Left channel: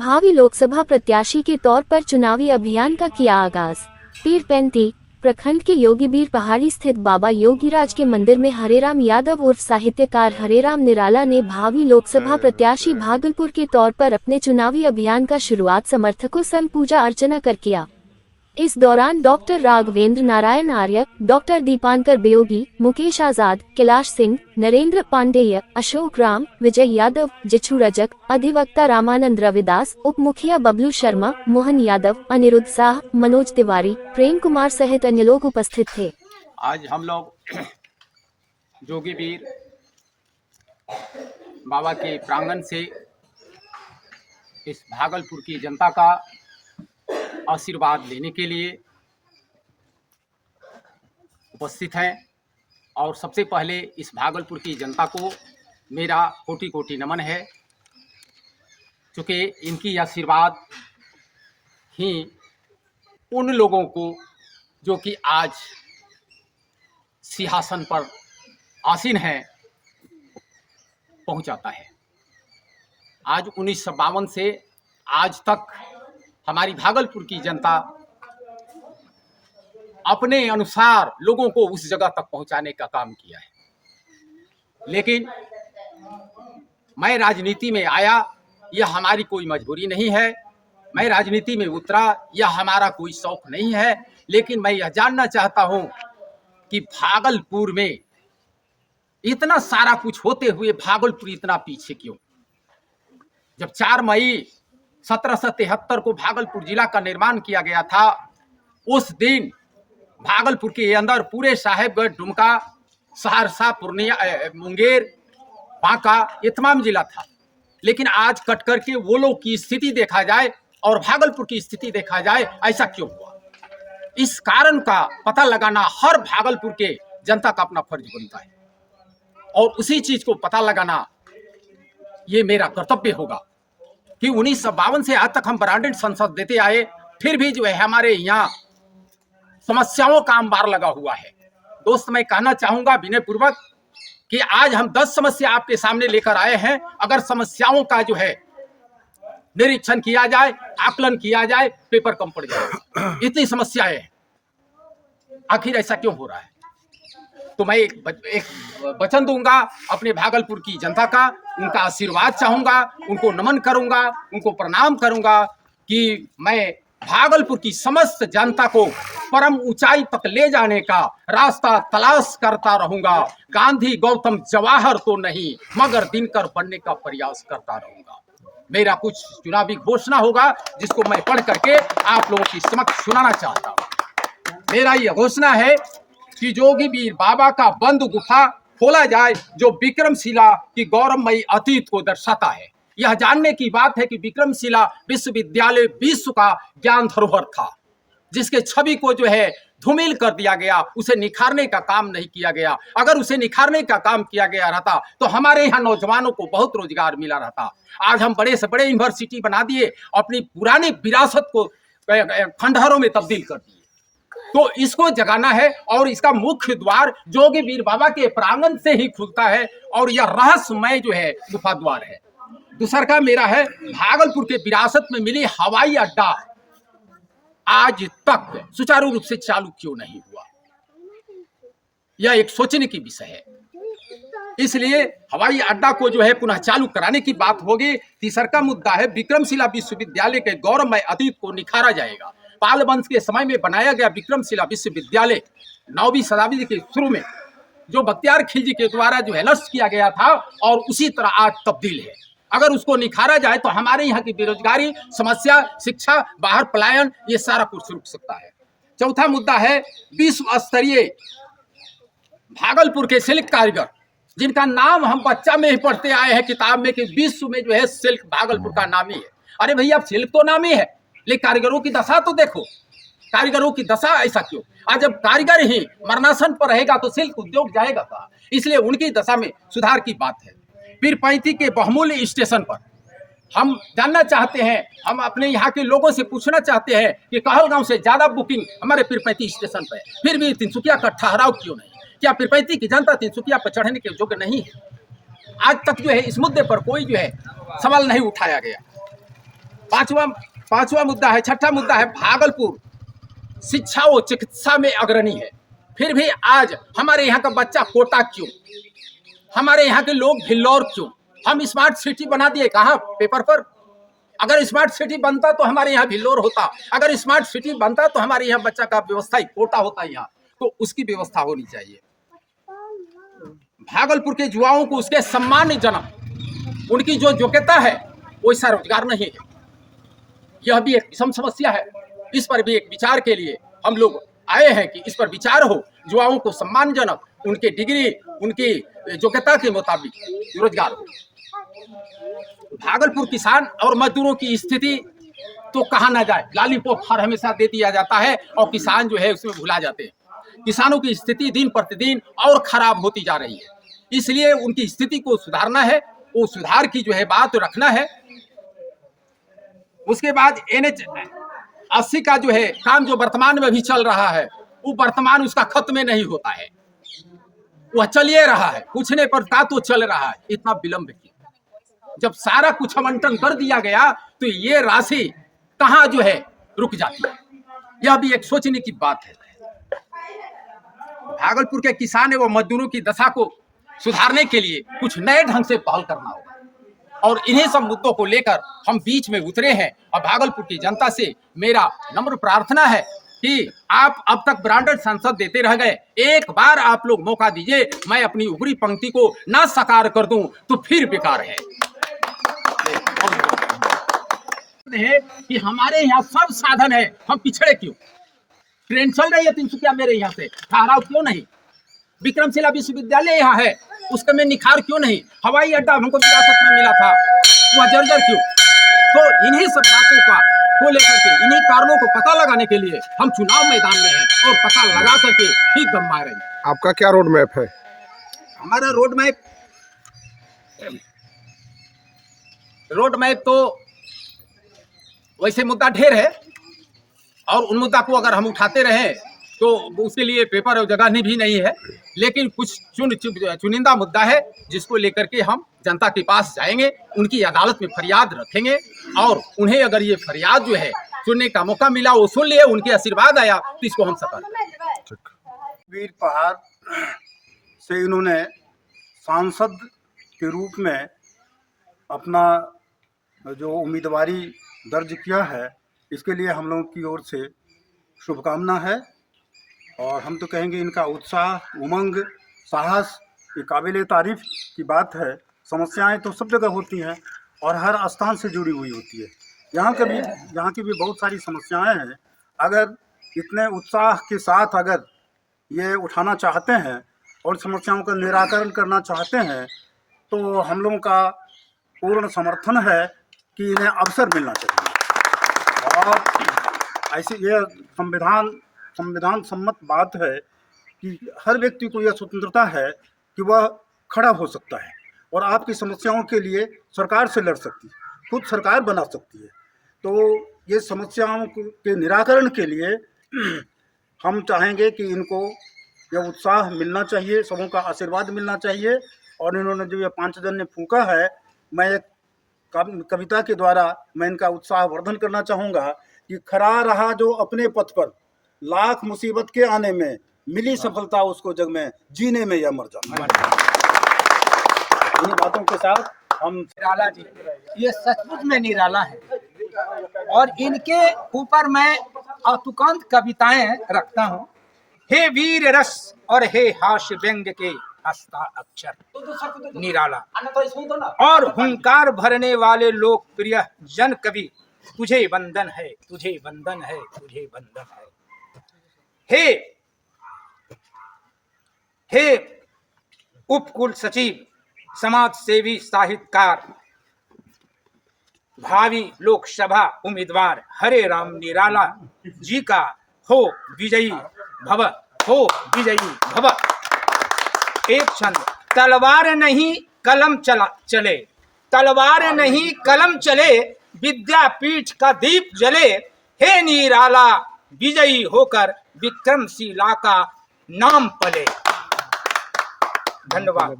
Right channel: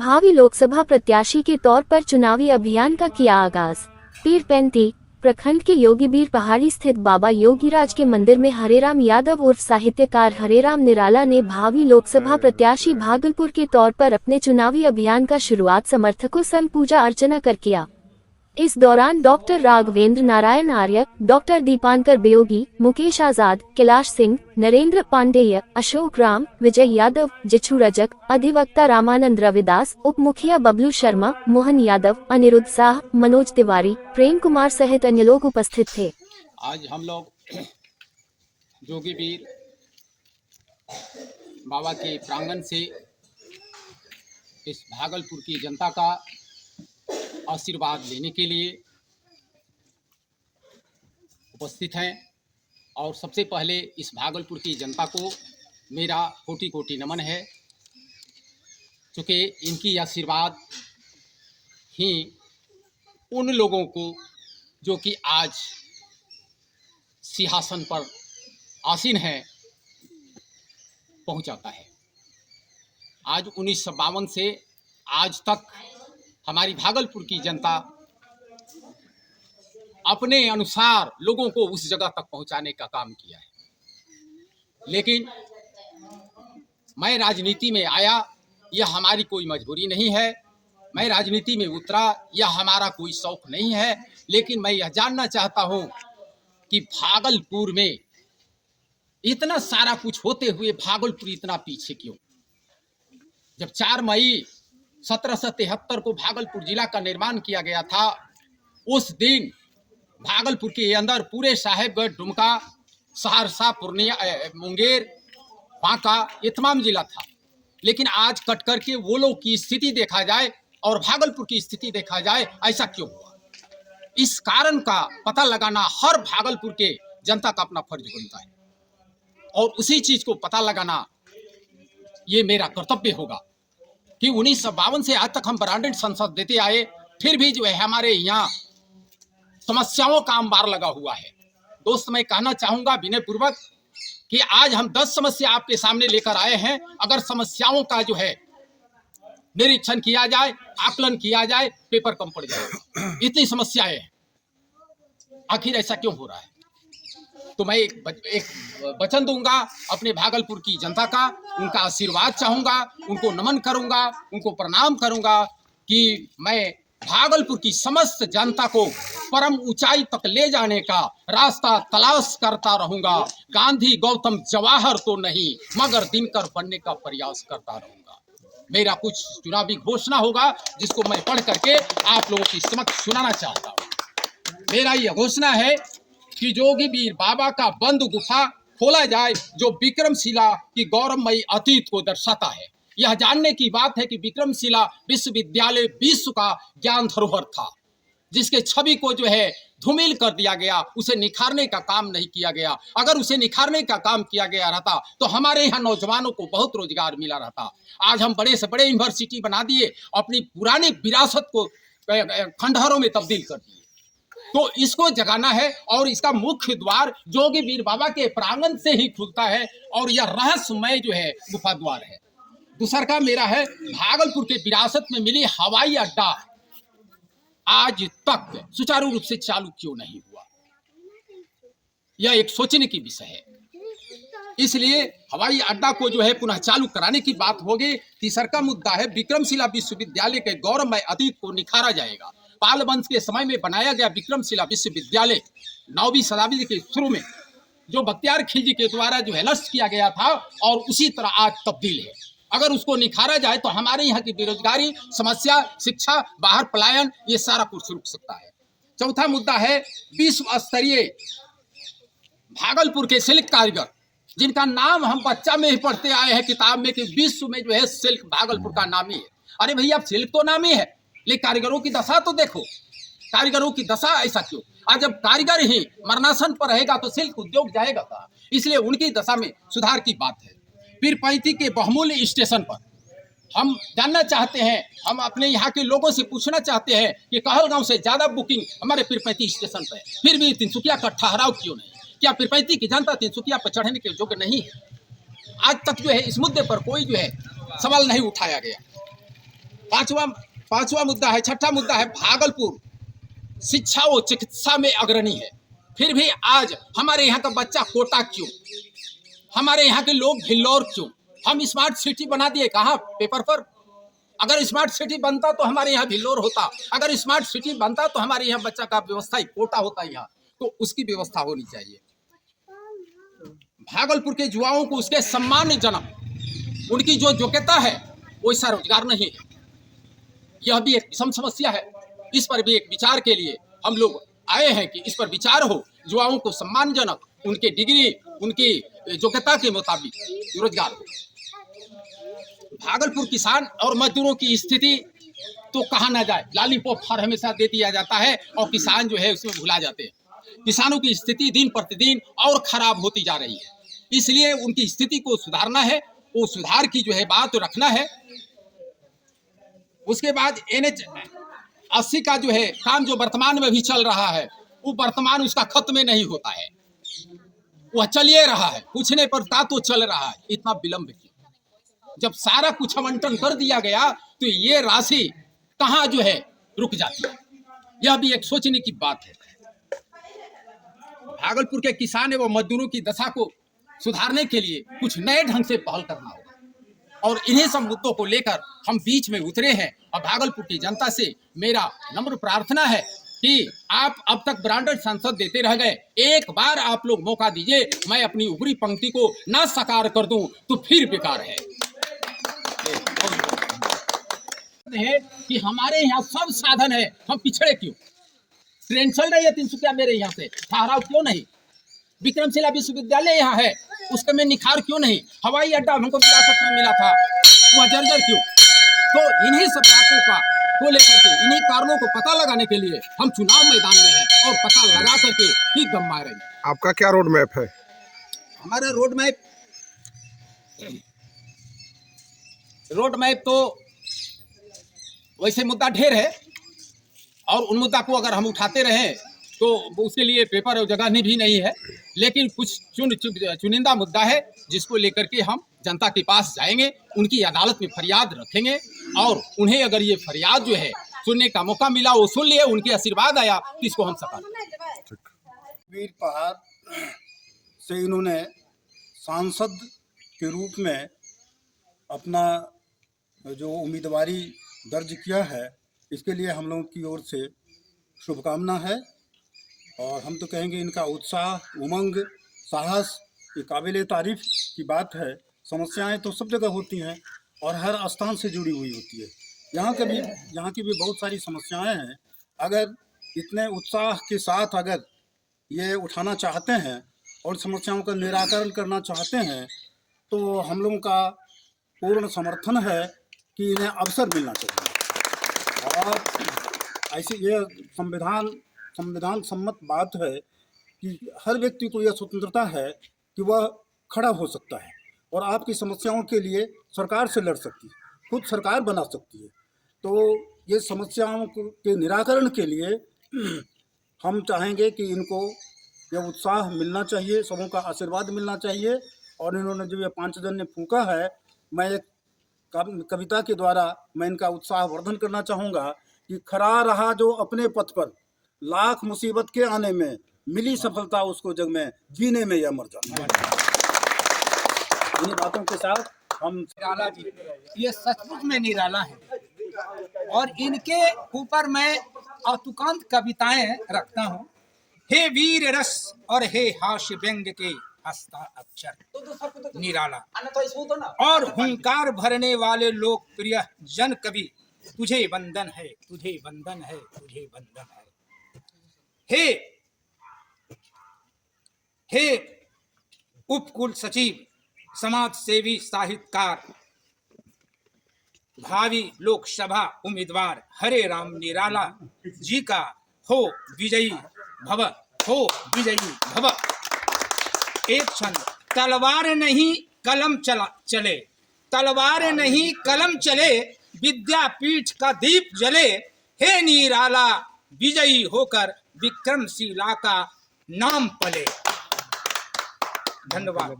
भावी लोकसभा प्रत्याशी के तौर पर चुनावी अभियान का किया आगाज। पीरपैंती प्रखंड के योगीबीर पहाड़ी स्थित बाबा योगीराज के मंदिर में हरेराम यादव उर्फ साहित्यकार हरेराम निराला ने भावी लोकसभा प्रत्याशी भागलपुर के तौर पर अपने चुनावी अभियान का शुरुआत समर्थकों संग पूजा अर्चना कर किया। इस दौरान डॉक्टर राघवेंद्र नारायण आर्य, डॉक्टर दीपांकर बेयोगी, मुकेश आजाद, कैलाश सिंह, नरेंद्र पांडेय, अशोक राम, विजय यादव, जिछु रजक, अधिवक्ता रामानंद रविदास, उप मुखिया बबलू शर्मा, मोहन यादव, अनिरुद्ध शाह, मनोज तिवारी, प्रेम कुमार सहित अन्य लोग उपस्थित थे। आज हम लोग जोगीबीर बाबा के प्रांगण से इस भागलपुर की जनता का आशीर्वाद लेने के लिए उपस्थित हैं और सबसे पहले इस भागलपुर की जनता को मेरा कोटि कोटि नमन है, क्योंकि इनकी आशीर्वाद ही उन लोगों को जो कि आज सिंहासन पर आसीन हैं पहुंचाता है। आज 1952 से आज तक हमारी भागलपुर की जनता अपने अनुसार लोगों को उस जगह तक पहुंचाने का काम किया है, लेकिन मैं राजनीति में आया, यह हमारी कोई मजबूरी नहीं है। मैं राजनीति में उतरा, यह हमारा कोई शौक नहीं है, लेकिन मैं यह जानना चाहता हूं कि भागलपुर में इतना सारा कुछ होते हुए भागलपुर इतना पीछे क्यों। जब 4 मई 1773 को भागलपुर जिला का निर्माण किया गया था, उस दिन भागलपुर के अंदर पूरे साहेबगढ़, दुमका, सहरसा, पूर्णिया, मुंगेर, बांका, ये तमाम जिला था। लेकिन आज कट करके वो लोग की स्थिति देखा जाए और भागलपुर की स्थिति देखा जाए, ऐसा क्यों हुआ? इस कारण का पता लगाना हर भागलपुर के जनता का अपना फर्ज बनता है और उसी चीज को पता लगाना ये मेरा कर्तव्य होगा कि 1952 से आज तक हम ब्रांडेड संसद देते आए, फिर भी जो है हमारे यहाँ समस्याओं का अंबार लगा हुआ है। दोस्त, मैं कहना चाहूंगा विनय पूर्वक कि आज हम 10 समस्या आपके सामने लेकर आए हैं। अगर समस्याओं का जो है निरीक्षण किया जाए, आकलन किया जाए, पेपर कम पड़ जाए। इतनी समस्याएं हैं, आखिर ऐसा क्यों हो रहा है? तो मैं एक वचन दूंगा अपने भागलपुर की जनता का, उनका आशीर्वाद चाहूंगा, उनको नमन करूंगा, उनको प्रणाम करूंगा कि मैं भागलपुर की समस्त जनता को परम ऊंचाई तक ले जाने का रास्ता तलाश करता रहूंगा। गांधी, गौतम, जवाहर तो नहीं, मगर दिनकर बनने का प्रयास करता रहूंगा। मेरा कुछ चुनावी घोषणा होगा जिसको मैं पढ़ करके आप लोगों की समक्ष सुनाना चाहता हूं। मेरा यह घोषणा है कि जोगीबीर बाबा का बंद गुफा खोला जाए, जो विक्रमशिला की गौरवमयी अतीत को दर्शाता है। यह जानने की बात है कि विक्रमशिला विश्वविद्यालय विश्व का ज्ञान धरोहर था, जिसके छवि को जो है धूमिल कर दिया गया, उसे निखारने का काम नहीं किया गया। अगर उसे निखारने का काम किया गया रहता तो हमारे यहाँ नौजवानों को बहुत रोजगार मिला रहता। आज हम बड़े से बड़े यूनिवर्सिटी बना दिए, अपनी पुरानी विरासत को खंडहरों में तब्दील कर दिए। तो इसको जगाना है और इसका मुख्य द्वार जोगीबीर बाबा के प्रांगण से ही खुलता है और यह रहस्यमय जो है गुफा द्वार है। दूसरा का मेरा है, भागलपुर के विरासत में मिली हवाई अड्डा आज तक सुचारू रूप से चालू क्यों नहीं हुआ? यह एक सोचने की विषय है। इसलिए हवाई अड्डा को जो है पुनः चालू कराने की बात होगी। तीसरा का मुद्दा है, विक्रमशिला विश्वविद्यालय के गौरवमय अतीत को निखारा जाएगा। पाल वंश के समय में बनाया गया विक्रमशिला विश्वविद्यालय 9वीं शताब्दी के शुरू में जो बख्तियार खिलजी के द्वारा जो है नष्ट किया गया था और उसी तरह आज तब्दील है। अगर उसको निखारा जाए तो हमारे यहाँ की बेरोजगारी समस्या, शिक्षा, बाहर पलायन, ये सारा कुछ रुक सकता है। चौथा मुद्दा है, विश्व स्तरीय भागलपुर के सिल्क कारीगर, जिनका नाम हम बच्चा में ही पढ़ते आए हैं किताब में कि विश्व में जो है सिल्क भागलपुर का नाम ही है। अरे भैया, सिल्क तो नाम ही है, लेकिन कारीगरों की दशा तो देखो। कारीगरों की दशा ऐसा क्यों? आज जब कारीगर ही मरणासन पर रहेगा तो सिल्क उद्योग जाएगा कहाँ? इसलिए उनकी दशा में सुधार की बात है। पीरपैंती के बहुमूल्य स्टेशन पर हम जानना चाहते हैं, हम अपने यहाँ के लोगों से पूछना चाहते हैं कि कहलगांव से ज्यादा बुकिंग हमारे पीरपैंती स्टेशन पर है, फिर भी तिनसुकिया का ठहराव क्यों नहीं? क्या पीरपैंती की जनता तिनसुकिया पर चढ़ने के योग्य नहीं है? आज तक जो है इस मुद्दे पर कोई जो है सवाल नहीं उठाया गया। पांचवा मुद्दा है, छठा मुद्दा है, भागलपुर शिक्षा व चिकित्सा में अग्रणी है, फिर भी आज हमारे यहाँ का बच्चा कोटा क्यों, हमारे यहाँ के लोग भिल्लौर क्यों? हम स्मार्ट सिटी बना दिए कहाँ? पेपर पर। अगर स्मार्ट सिटी बनता तो हमारे यहाँ भिल्लौर होता, अगर स्मार्ट सिटी बनता तो हमारे यहाँ बच्चा का व्यवस्था कोटा होता यहाँ, तो उसकी व्यवस्था होनी चाहिए। भागलपुर के युवाओं को उसके सम्मानजनक उनकी जो योग्यता है वैसा रोजगार नहीं है। यह भी एक विषम समस्या है, इस पर भी एक विचार के लिए हम लोग आए हैं कि इस पर विचार हो, युवाओं को सम्मानजनक उनके डिग्री उनकी योग्यता के मुताबिक रोजगार हो। भागलपुर किसान और मजदूरों की स्थिति तो कहा ना जाए, लॉलीपॉप हर हमेशा दे दिया जाता है और किसान जो है उसमें भुला जाते हैं। किसानों की स्थिति दिन प्रतिदिन और खराब होती जा रही है, इसलिए उनकी स्थिति को सुधारना है, वो सुधार की जो है बात रखना है। उसके बाद NH 80 का जो है काम जो वर्तमान में भी चल रहा है, वो वर्तमान उसका खत्म में नहीं होता है, वह चलिए रहा है, पूछने पर तो चल रहा है। इतना विलंब क्यों? जब सारा कुछ आवंटन कर दिया गया तो ये राशि कहाँ जो है रुक जाती है, यह भी एक सोचने की बात है। भागलपुर के किसान एवं मजदूरों की दशा को सुधारने के लिए कुछ नए ढंग से पहल करना होगा, और इन्हीं सब मुद्दों को लेकर हम बीच में उतरे हैं। और भागलपुर की जनता से मेरा नम्र प्रार्थना है कि आप अब तक ब्रांडेड संसद देते रह गए, एक बार आप लोग मौका दीजिए, मैं अपनी ऊपरी पंक्ति को ना साकार कर दूं तो फिर बेकार है। कि हमारे यहाँ सब साधन है, हम पिछड़े क्यों? ट्रेन चल रही है तिनसुकिया मेरे यहाँ से, ठहराव क्यों नहीं? विक्रमशिला विश्वविद्यालय यहाँ है, उसका में निखार क्यों नहीं? हवाई अड्डा हमको विरासत में मिला था, वह जर्जर क्यों? तो इन्हीं सब बातों को लेकर के, इन्हीं कारणों को पता लगाने के लिए हम चुनाव मैदान में हैं और पता लगा करके ही दम मारेंगे। आपका क्या रोड मैप है? हमारा रोड मैप तो वैसे मुद्दा ढेर है, और उन मुद्दा को अगर हम उठाते रहे तो उसके लिए पेपर और जगह भी नहीं है, लेकिन कुछ चुनिंदा मुद्दा है जिसको लेकर के हम जनता के पास जाएंगे, उनकी अदालत में फरियाद रखेंगे, और उन्हें अगर ये फरियाद जो है सुनने का मौका मिला, वो सुन लिए, उनके आशीर्वाद आया तो इसको हम सफल। वीर पहाड़ से इन्होंने सांसद के रूप में अपना जो उम्मीदवारी दर्ज किया है, इसके लिए हम लोगों की ओर से शुभकामना है। और हम तो कहेंगे इनका उत्साह, उमंग, साहस ये काबिल तारीफ की बात है। समस्याएं तो सब जगह होती हैं और हर स्थान से जुड़ी हुई होती है। यहाँ की भी बहुत सारी समस्याएं हैं। अगर इतने उत्साह के साथ अगर ये उठाना चाहते हैं और समस्याओं का निराकरण करना चाहते हैं, तो हम लोगों का पूर्ण समर्थन है कि इन्हें अवसर मिलना चाहिए। और ऐसी यह संविधान सम्मत बात है कि हर व्यक्ति को यह स्वतंत्रता है कि वह खड़ा हो सकता है और आपकी समस्याओं के लिए सरकार से लड़ सकती है, खुद सरकार बना सकती है। तो ये समस्याओं के निराकरण के लिए हम चाहेंगे कि इनको यह उत्साह मिलना चाहिए, सबों का आशीर्वाद मिलना चाहिए। और इन्होंने जो ये 5 जन ने फूंका है, मैं एक कविता के द्वारा मैं इनका उत्साह वर्धन करना चाहूँगा कि खड़ा रहा जो अपने पथ पर, लाख मुसीबत के आने में मिली सफलता उसको जग में, जीने में या मर जाना। इन बातों के साथ हम निराला जी, ये सचमुच में निराला है, और इनके ऊपर मैं अतुकांत कविताएं रखता हूँ। हे वीर रस और हे हास्य व्यंग के हस्ता अक्षर निराला, और हुंकार भरने वाले लोकप्रिय जन कवि, तुझे वंदन है, तुझे वंदन है, तुझे वंदन है। हे उपकुल सचिव, समाज सेवी, साहित्यकार, भावी लोकसभा उम्मीदवार हरे राम निराला जी का हो विजयी भव, हो विजयी भव। एक क्षण, तलवार नहीं कलम चले, तलवार नहीं कलम चले, विद्यापीठ का दीप जले। हे निराला विजयी होकर विक्रमशिला का नाम पले। धन्यवाद।